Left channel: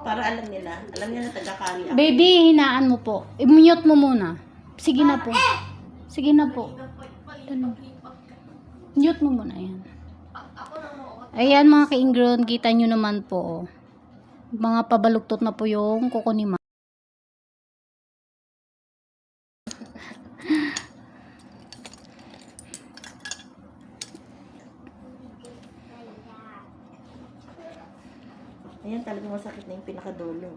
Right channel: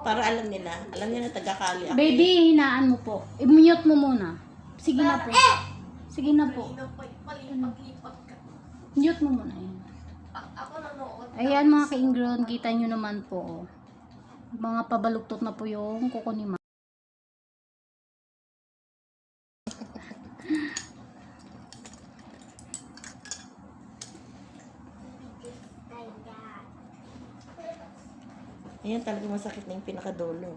Para alam nila. Alam nila taga-kali. Baby, hinaan mo po. I-mute mo muna. Sige na po. Sige na po. Mute mo muna yan. Ayan mga ka-ingron, kita nyo naman po. oh. Mga pabaluktot na po yung kuko ni Ma. Ayan talaga masakit na yung pinakadulo.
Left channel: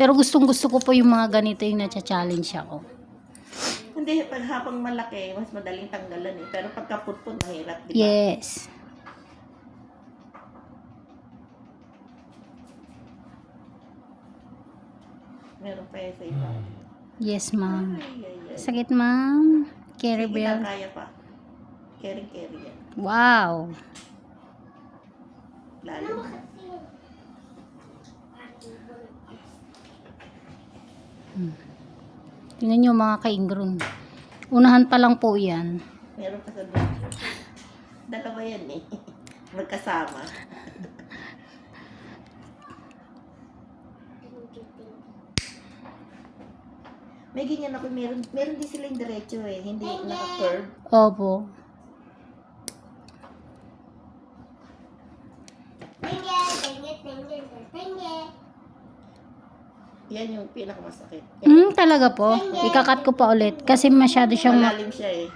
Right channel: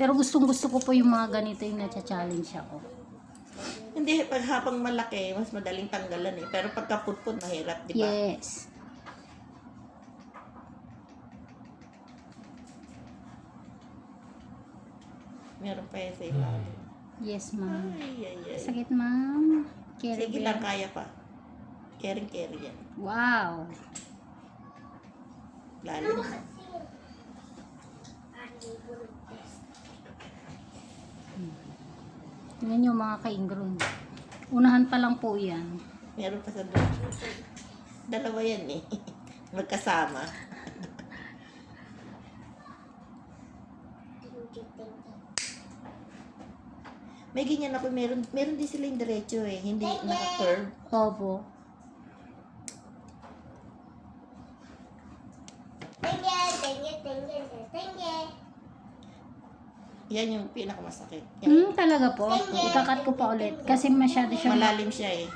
Pero gustong gusto ko po yung mga ganito yung nacha-challenge ako. Hindi, pag habang malaki, mas madaling tanggalan eh. Pero pagka putput, mahirap, di ba? Yes. Meron pa yan sa iba. Yes, ma'am. Ay, ay, ay. Sakit, ma'am. Carry Sige bear. kaya pa. Caring carry yan. Wow. Lalim. Tingnan nyo mga ka-ingron. Unahan pa lang po yan. Meron pa sa doon. Dalawa yan eh. Magkasama. May ganyan ako, meron, meron din silang diretso eh, hindi naka-curve. Opo. Yan yung pinakamasakit. Yan, Hmm, talaga po. Ikakat ko pa ulit. Kasi masyado siyang... malalim siya eh.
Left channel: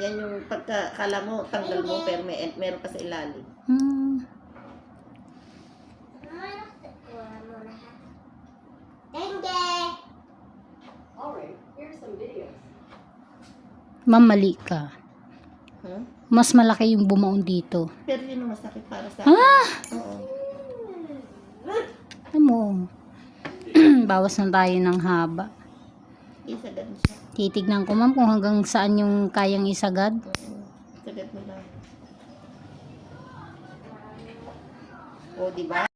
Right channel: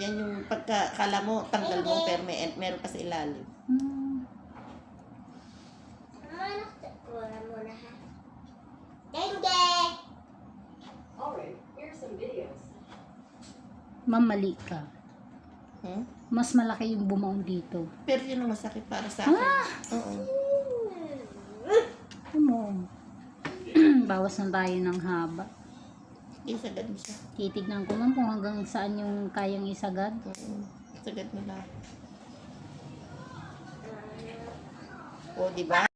Yan yung pagka, kala mo, tanggal mo, pero may, meron pa sa ilalim. Hmm. Alright, here's some videos. Ma'am, mali ka. Hmm? Mas malaki yung bumaon dito. Pero yun ang masakit para sa akin. Ah! Oo. Ano mo? Bawas na tayo ng haba. Isagad mo siya. Titignan ko ma'am kung hanggang saan yung kayang isagad. Isagad mo lang. O, di ba?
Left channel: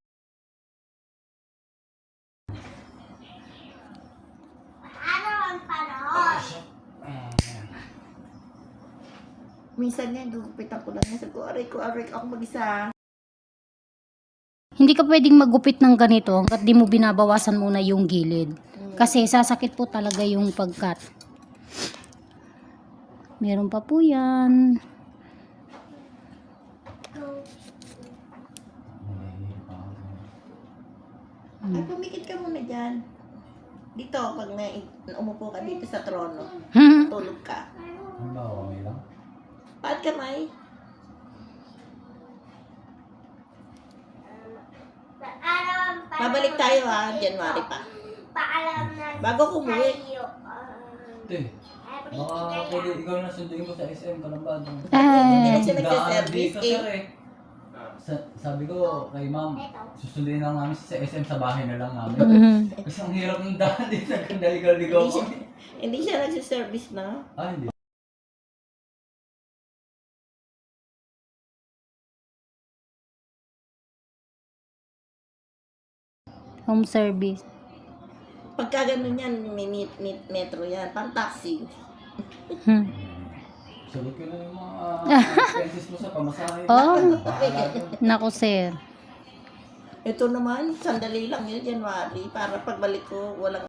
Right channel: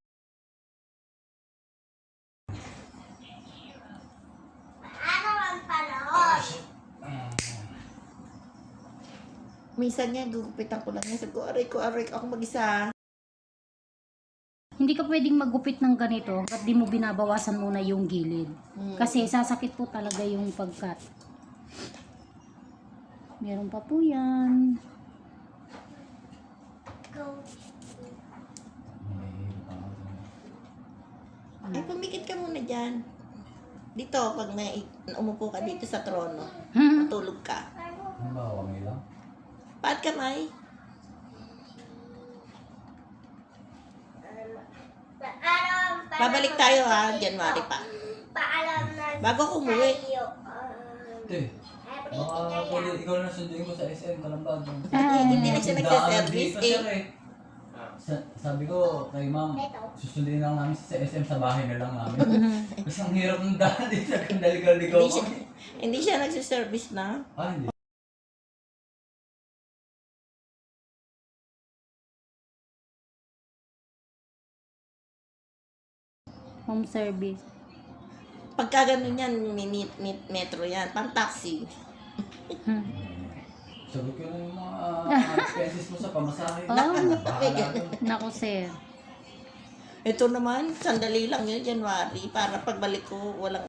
Minsan nga, gugupitan ko lang. Sabi ko, aray ko, aray ako mag-isa. Hindi ka pwedeng magupit ng ganito hanggat di mo binabawasan muna yung gilid. Kasi sasakit po talaga yung pagkat. Meron pa po yan. Ay, pumikit ka muna dyan. Dito, pag na, umupo ka dito sa trono, tulog ka. Ano ba, okay lang? Paat kamay. Babalik tayo ha, January pa. Paalam na Bago ko umuwi. tayo. Te, baka pwede ikaw na sunduin ko sa SM Kalambad. Hindi na Ah, siya dito, eh. Sa, sabi ko kay ma'am, susunduin lang namin sa SM sa bahay na lang namin. mhm. Kasi ang hirap ng daan dito, ang daligaw-ligaw Hindi ko. siya, hindi siya nagsiservice na. Ah, hindi. Home service. Pagka ganun yan, minit, mit, metro yan, pang taxi. Hmm. Sagot ko na yung mga expenses mo sa pamasahe. Oh. Nako sir. Ito naman, sandali lang yun, January, para pagbalik ko, walang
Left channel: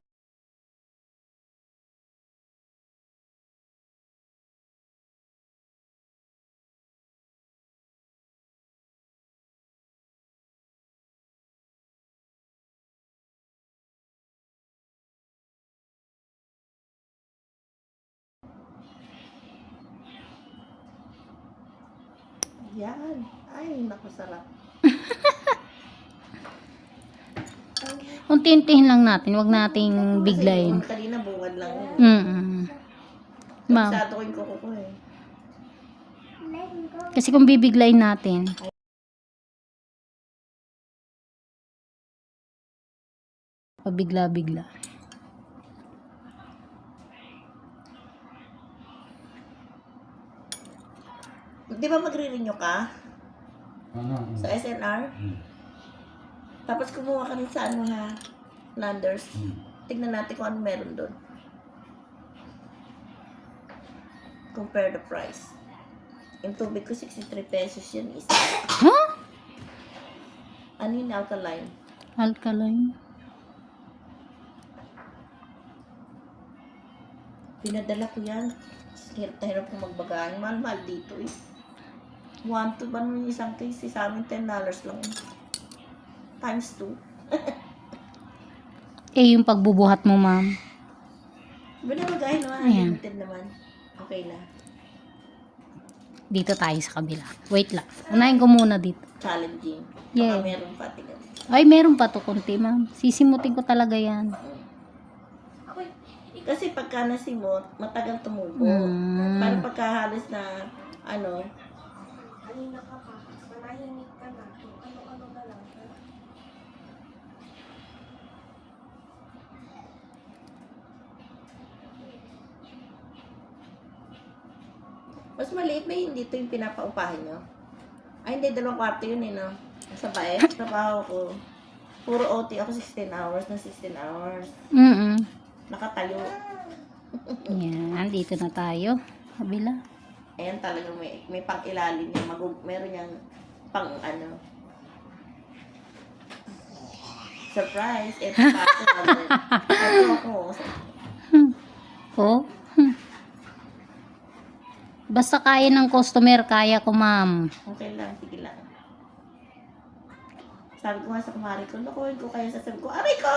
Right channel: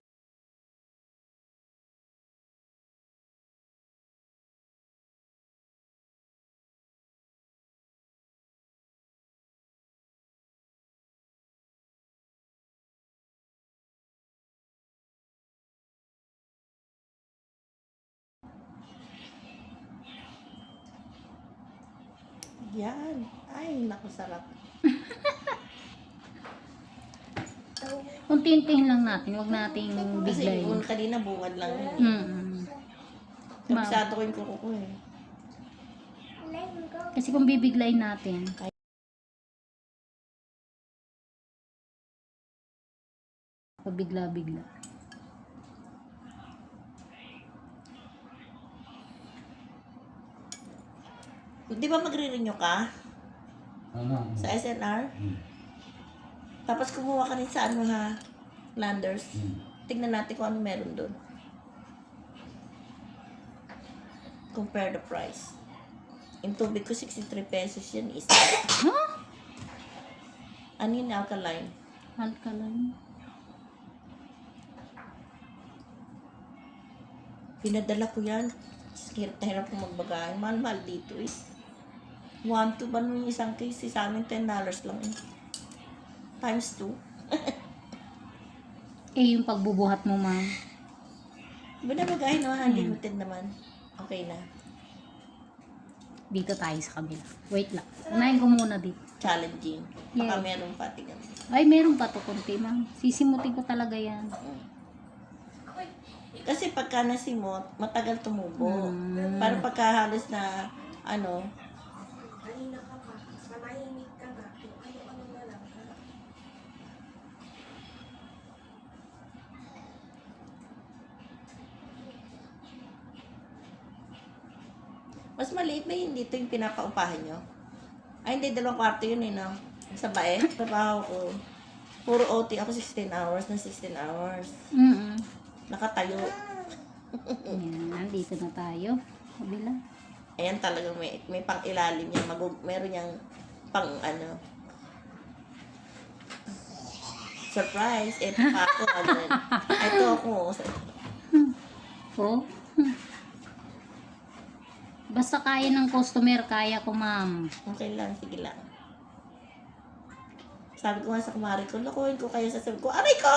Yan. Ay, naku, sarap. Unti-untihin lang natin. Huwag nating Kasi biglayin. yung kanina bungad lang yun. Mm Ma'am. Masyado ko yung kuko ko eh. Kasi kung bibiglayin natin, pabigla-bigla. Di ba magre-renew ka Ano? sa SNR? Hmm. Tapos kumuha ka rin sa ano ha, Landers. Hmm. Tignan natin kung ano meron doon. Compare the price. Yung tubig ko, 63 pesos yun isa. Huh? Ano yun, alkaline? Alkaline. Pinadala ko yan. Hirap na hirap kong magbagayan. Mahal-mahal dito eh. One to ba yung isang case? eh, Sa amin, $10 lang. eh. Times two. Eh, yung pagbubuhat mo, ma'am. Binabagayan no, Ayan. unlimited naman. Okay na. Dito tayo sa kabila. Wait lang. Unahin ko muna dito. Challenging. Yeah. Baka meron pa tingnan. Ay, meron pa to konti, ma'am. Sisimutin ko talaga yan. Kasi pagka nasimot, matagal tumubo. Hmm. Pero pagka halos na, ano, Kanina ka pa, namahimik ka na. Kung ano-ano na lang. mas maliit na yun dito yung pinapaupahan nyo. Ay, hindi, dalawang kwarto yun eh, no? Sa bae, trabaho ko. Puro OT ako 16 hours na 16 hours. Mm Nakatayo. Yan, dito na tayo. Kabila. Ayan talaga may, may pang ilalim yan. Magug, meron yung pang ano. Surprise! Ito pa ako. ano. Ito ako. Oh. Basta kaya ng customer, kaya ko, ma'am. Okay lang, sige lang. Sabi ko nga sa kumari ko, nakuhin ko kayo sa sabi ko, aray ko!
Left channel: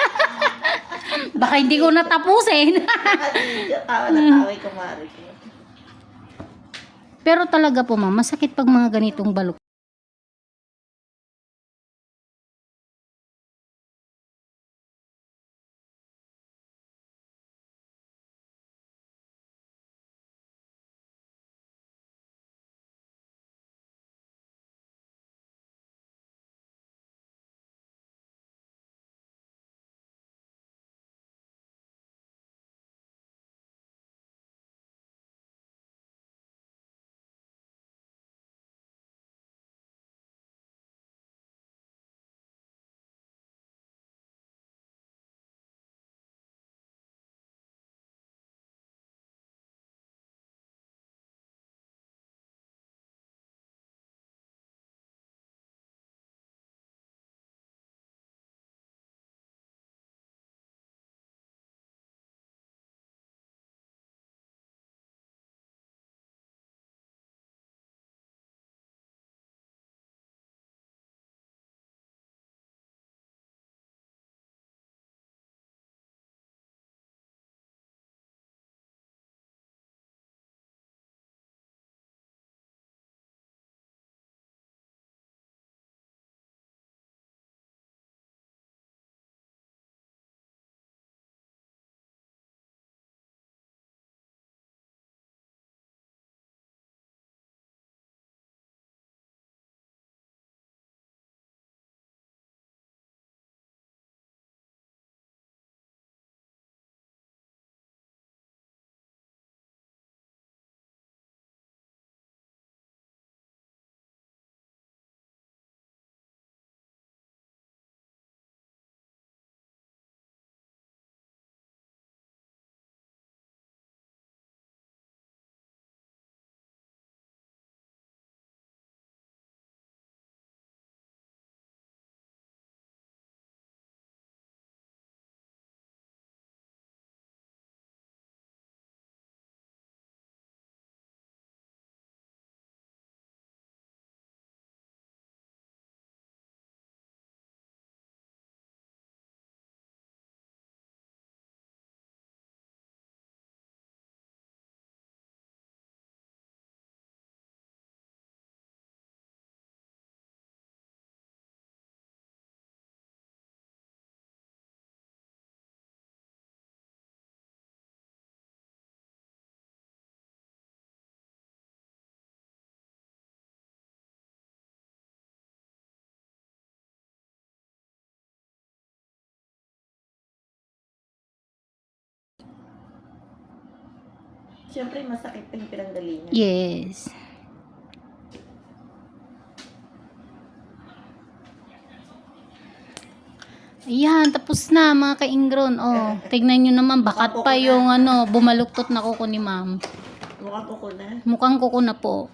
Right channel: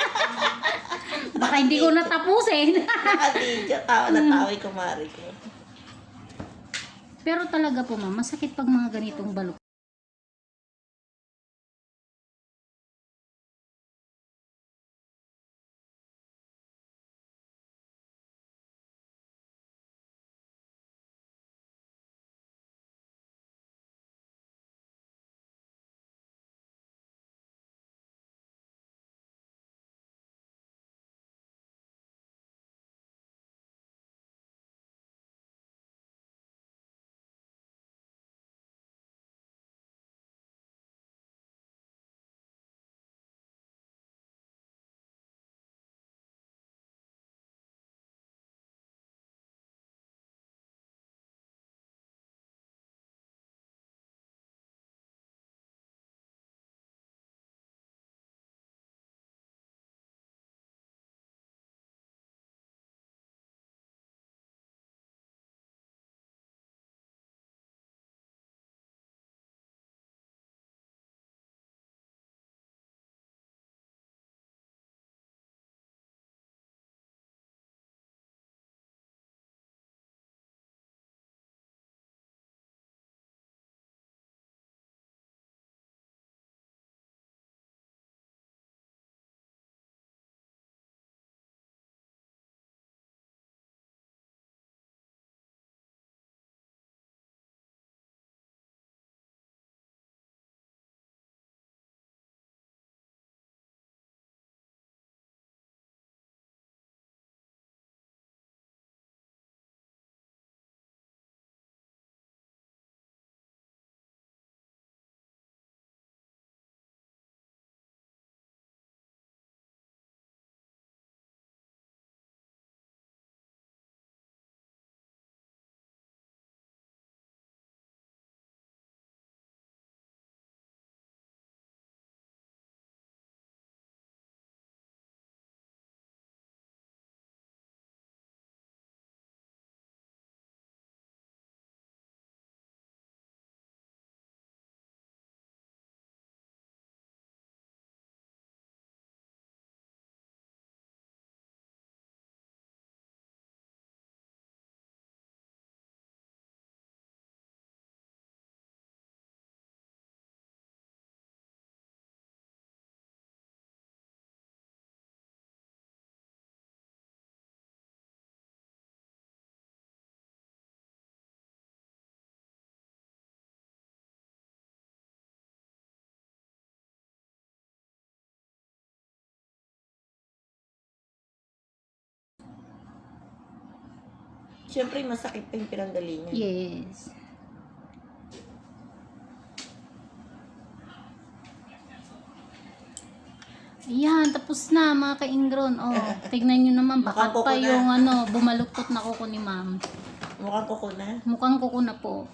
Baka hindi ko natapusin. Nakadidyo, tawa na tawa yung kumari ko. Pero talaga po, ma'am, masakit pag mga ganitong balok. Siyempre, masakit pa yung pinanggalingan. Yes. Ayan, tapos na mga ka-ingron. Oh, tignan nyo naman, bakat pa yung ano, bumaluktot na kuko ni ma'am. Mukha ko ko na. Mukhang kuko na po.